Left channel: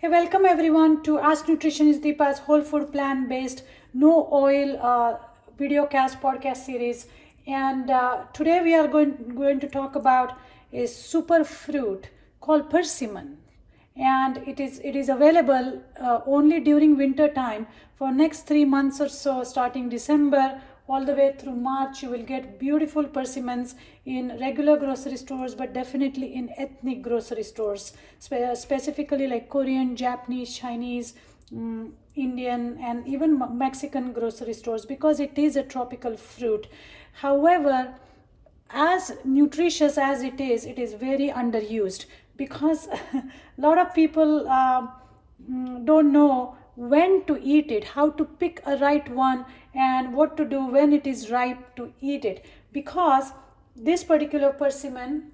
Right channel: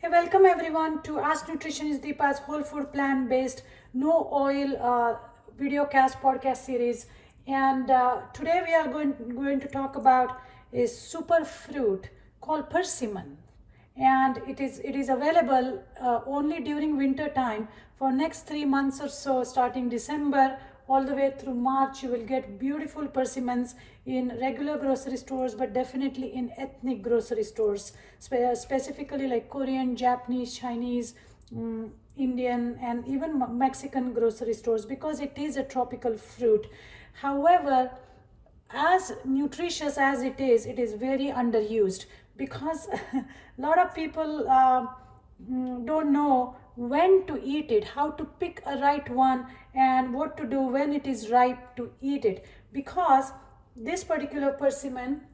Hey, welcome everyone to Ask Nutritionist Deepa's Whole Food Plant Based No Oil video cast podcast series. And today we are going to talk about a super fruit called persimmon. And it is available only during winter time for next 3 months or so, starting December all the way through March. You will get beautiful persimmons in regular grocery stores, but definitely in ethnic grocery stores, specifically like Korean, Japanese, Chinese, Indian, and even Mexican grocery stores, because it is a tropical fruit. However, as nutritious as it is very underused because a lot of people don't know when to eat it, how to pick a right one, and what to do when it is ripe to eat it. Because this particular persimmon,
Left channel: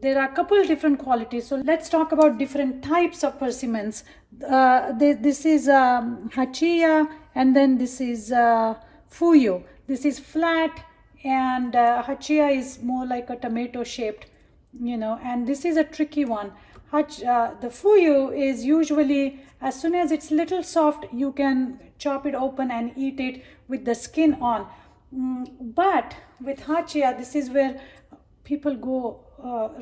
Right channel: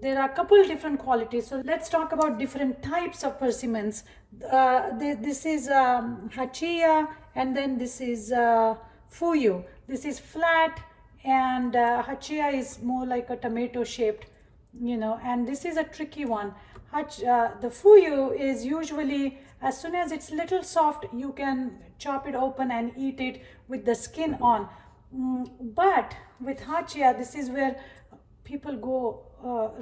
there are a couple different qualities. So let's talk about different types of persimmons. This is Hachiya, and then this is Fuyu. This is flat, and Hachiya is more like a tomato shaped, and this is a tricky one. The Fuyu is usually, as soon as it's little soft, you can chop it open and eat it with the skin on. But with Hachiya, this is where people go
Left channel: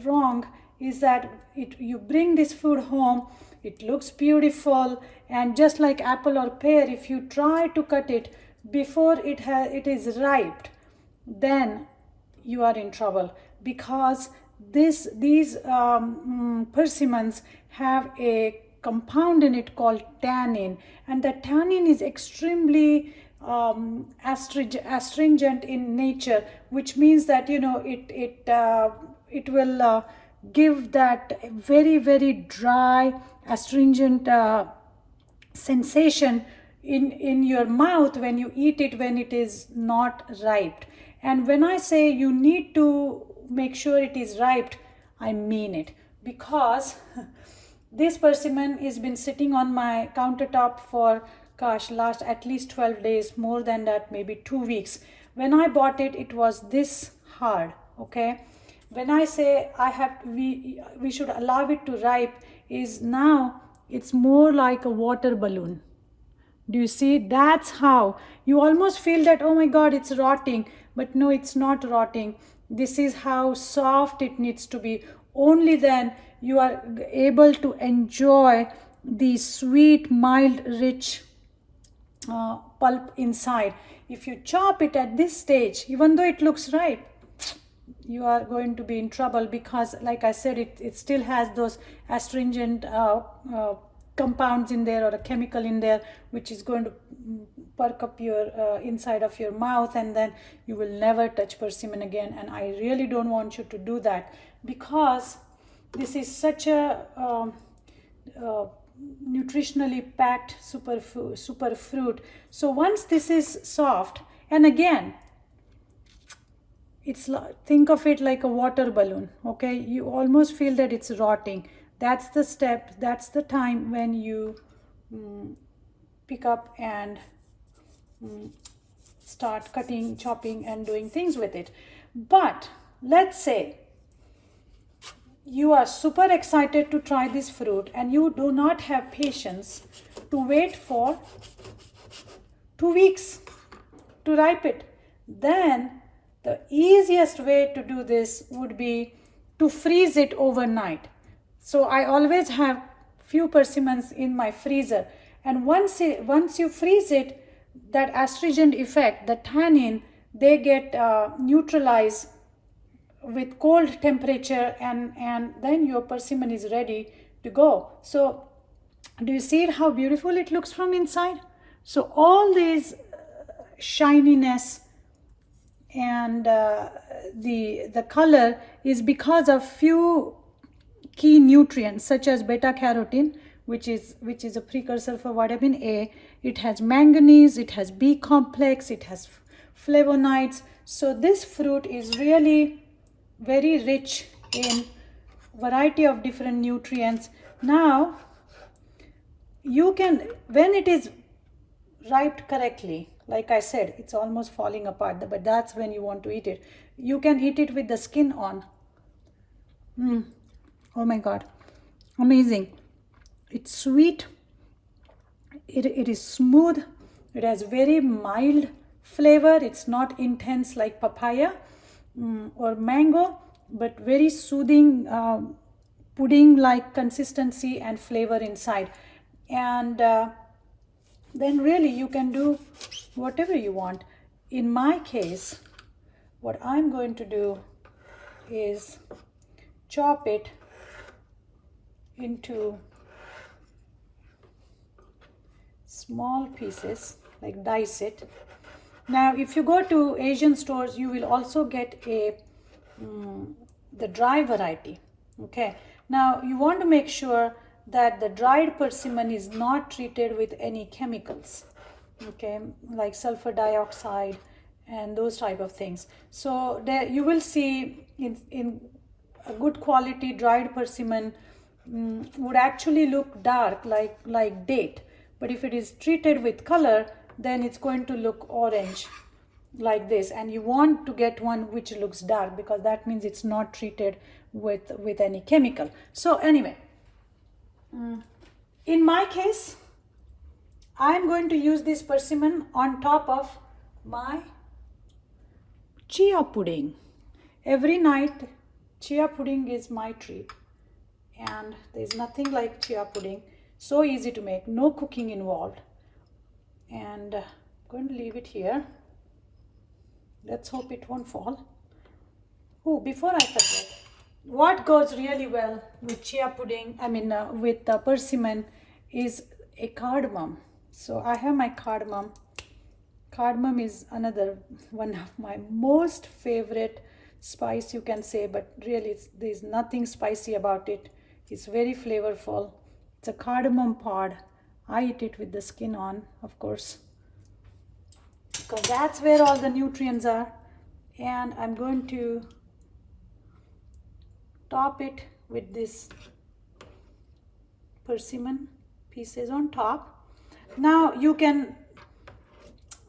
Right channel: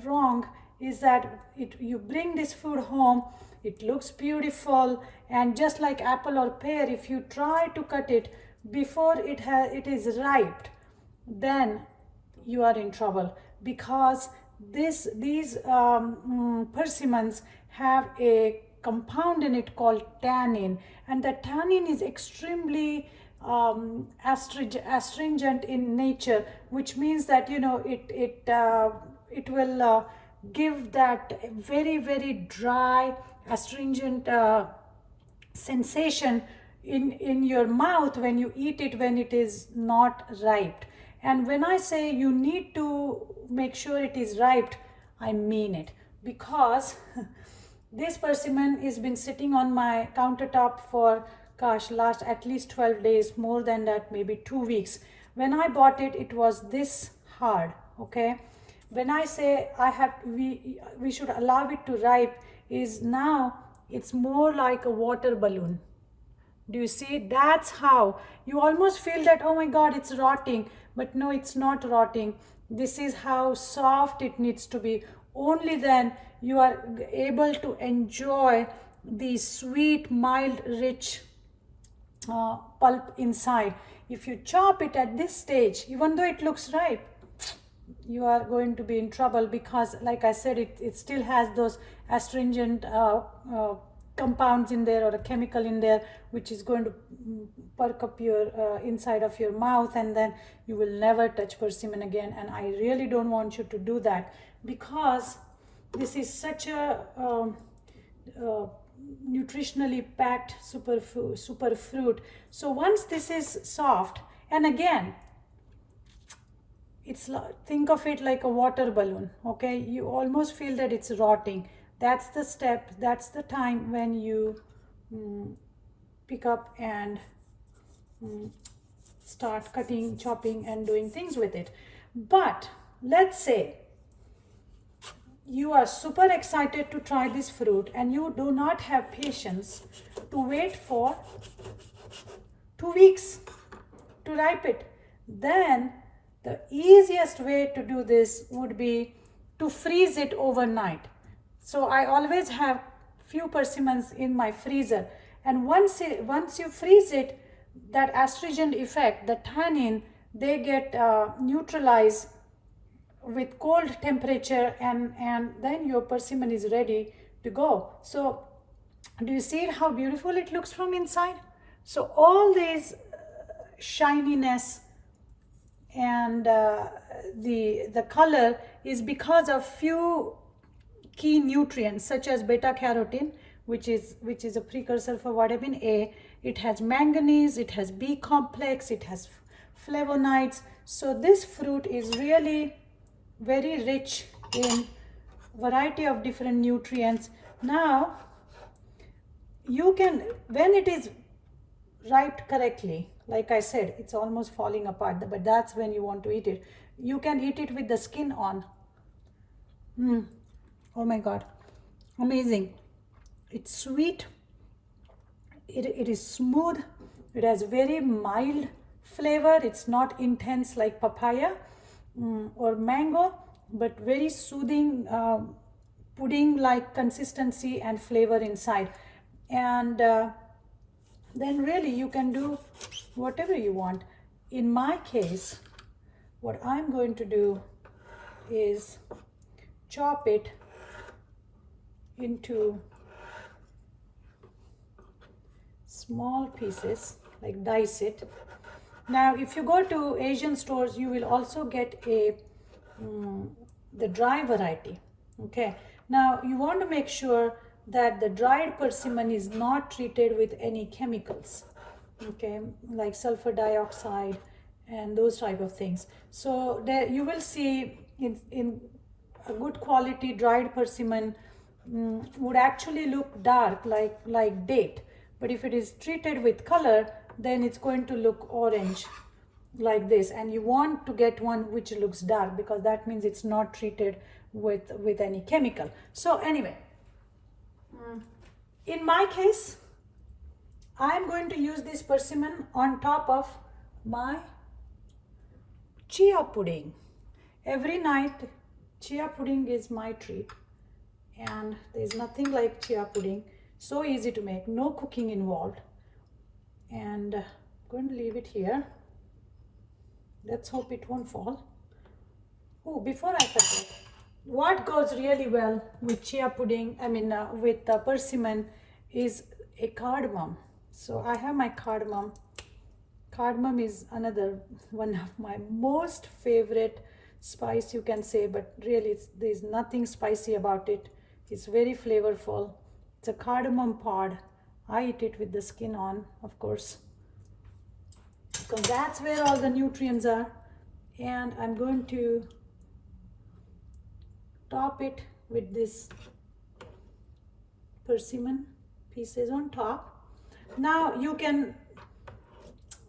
wrong, is that you bring this food home, it looks beautiful, and just like apple or pear, if you try to cut it before it is ripe, then you are in trouble, because these persimmons have a compound in it called tannin, and the tannin is extremely astringent in nature, which means that it will give that very very dry astringent sensation in your mouth when you eat it, when it is not ripe. And when I say you need to make sure it is ripe, I mean it, because this persimmon has been sitting on my countertop for, gosh, last at least 12 days, more than that, maybe 2 weeks. When I bought it, it was this hard. Okay, when I say we should allow it to ripe, is now it's more like a water balloon. Do you see? That's how you almost feel that, oh my god, it's rotting. But no, it's not rotting. This is how soft it needs to be. Only then you are able to enjoy the sweet, mild, rich pulp inside. If you chop it at this stage, even though it looks ripe, you are going to be in trouble, because like I said, it still has those astringent compounds in there, or a chemical in there, which is going to perk up your inside of your mouth, and then you will never touch persimmon again. And I really don't want you to do that, because this is such a nutritionally packed super fruit. So once this is soft, and again, think of it like a water balloon. Okay, you almost feel that it's rotting. That's the step, that's the time when you pick up and start cutting, chopping, and doing things with it. But let's say you are super excited to try this fruit, and you do not have patience to wait for 2 weeks to ripe it. Then the easiest way to do this would be to freeze it overnight. So I always have few persimmons in my freezer, and once you freeze it, that astringent effect, the tannin, they get neutralized with cold temperature, and then your persimmon is ready to go. So do you see how beautiful it looks from inside? So all these shininess and the color is because of few key nutrients, such as beta carotene, which is a precursor for vitamin A. It has manganese, it has B complex, it has flavonoids. So this fruit is really very rich in variety of different nutrients. Now you can, when it is ripe correctly, like I said, it's almost falling apart, but that's when you want to eat it. You can eat it with the skin on. Oh my god, amazing. It's sweet, it is smooth, it has very mild flavor. It's not intense like papaya or mango, but very soothing, pudding like consistency and flavor inside. And then really you can do whatever you want. In my case, what I'm going to do is chop it into small pieces, like dice it. Now if you go to Asian stores, you will also get the dry variety. Okay, now you want to make sure that the dried persimmon is not treated with any chemicals, okay, like sulfur dioxide and those type of things. So there you will see in a good quality dried persimmon would actually look dark like date, but if it is treated with color, then it's going to look orange like this. And you want to get one which looks dark, because that means it's not treated with any chemical. So anyway, in my case, I'm going to use this persimmon on top of my chia pudding. Every night chia pudding is my treat, and there's nothing like chia pudding. So easy to make, no cooking involved. And I'm going to leave it here. Let's hope it won't fall. Oh, before I forget, what goes really well with chia pudding, with persimmon, is a cardamom. So I have my cardamom. Cardamom is another one of my most favorite spice, you can say, but really there's nothing spicy about it. It's very flavorful. It's a cardamom pod. I eat it with the skin on, of course, because that's where all the nutrients are. And I'm going to top it with this persimmon pieces on top. Now you can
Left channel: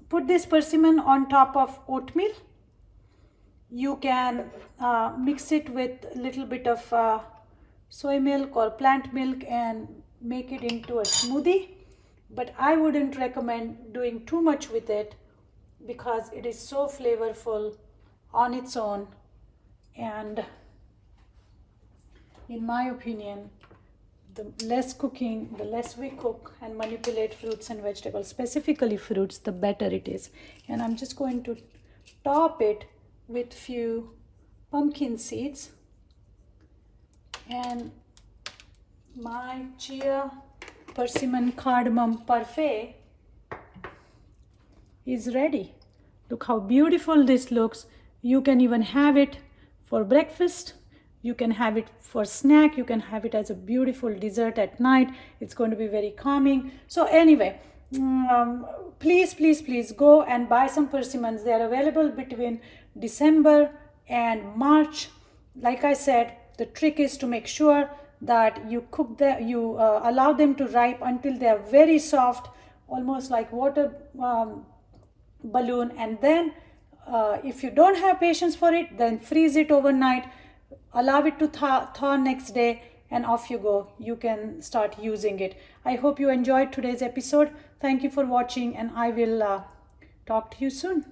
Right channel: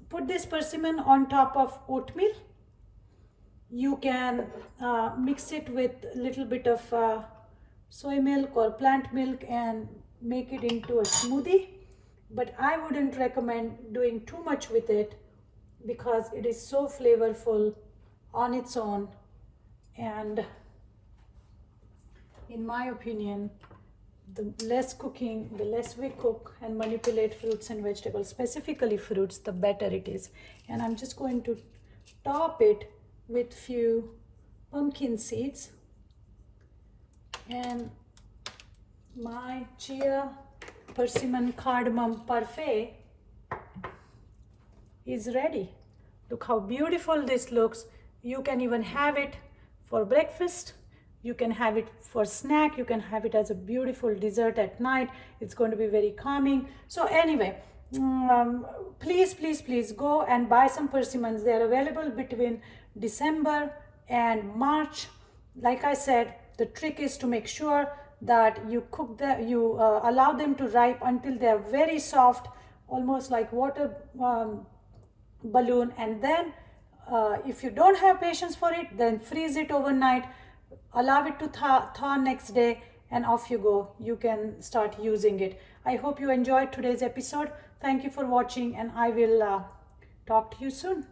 put this persimmon on top of oatmeal. You can mix it with a little bit of soy milk or plant milk and make it into a smoothie. But I wouldn't recommend doing too much with it, because it is so flavorful on its own. And in my opinion, the less cooking, the less we cook and manipulate fruits and vegetables, specifically fruits, the better it is. And I'm just going to top it with few pumpkin seeds. And my chia persimmon cardamom parfait is ready. Look how beautiful this looks. You can even have it for breakfast. You can have it for snack. You can have it as a beautiful dessert at night. It's going to be very calming. So anyway, please go and buy some persimmons. They are available between December and March. Like I said, the trick is to make sure that you cook them, you allow them to ripe until they are very soft, almost like water balloon. And then if you don't have patience for it, then freeze it overnight, allow it to thaw next day, and off you go. You can start using it. I hope you enjoyed today's episode. Thank you for watching, and I will talk to you soon.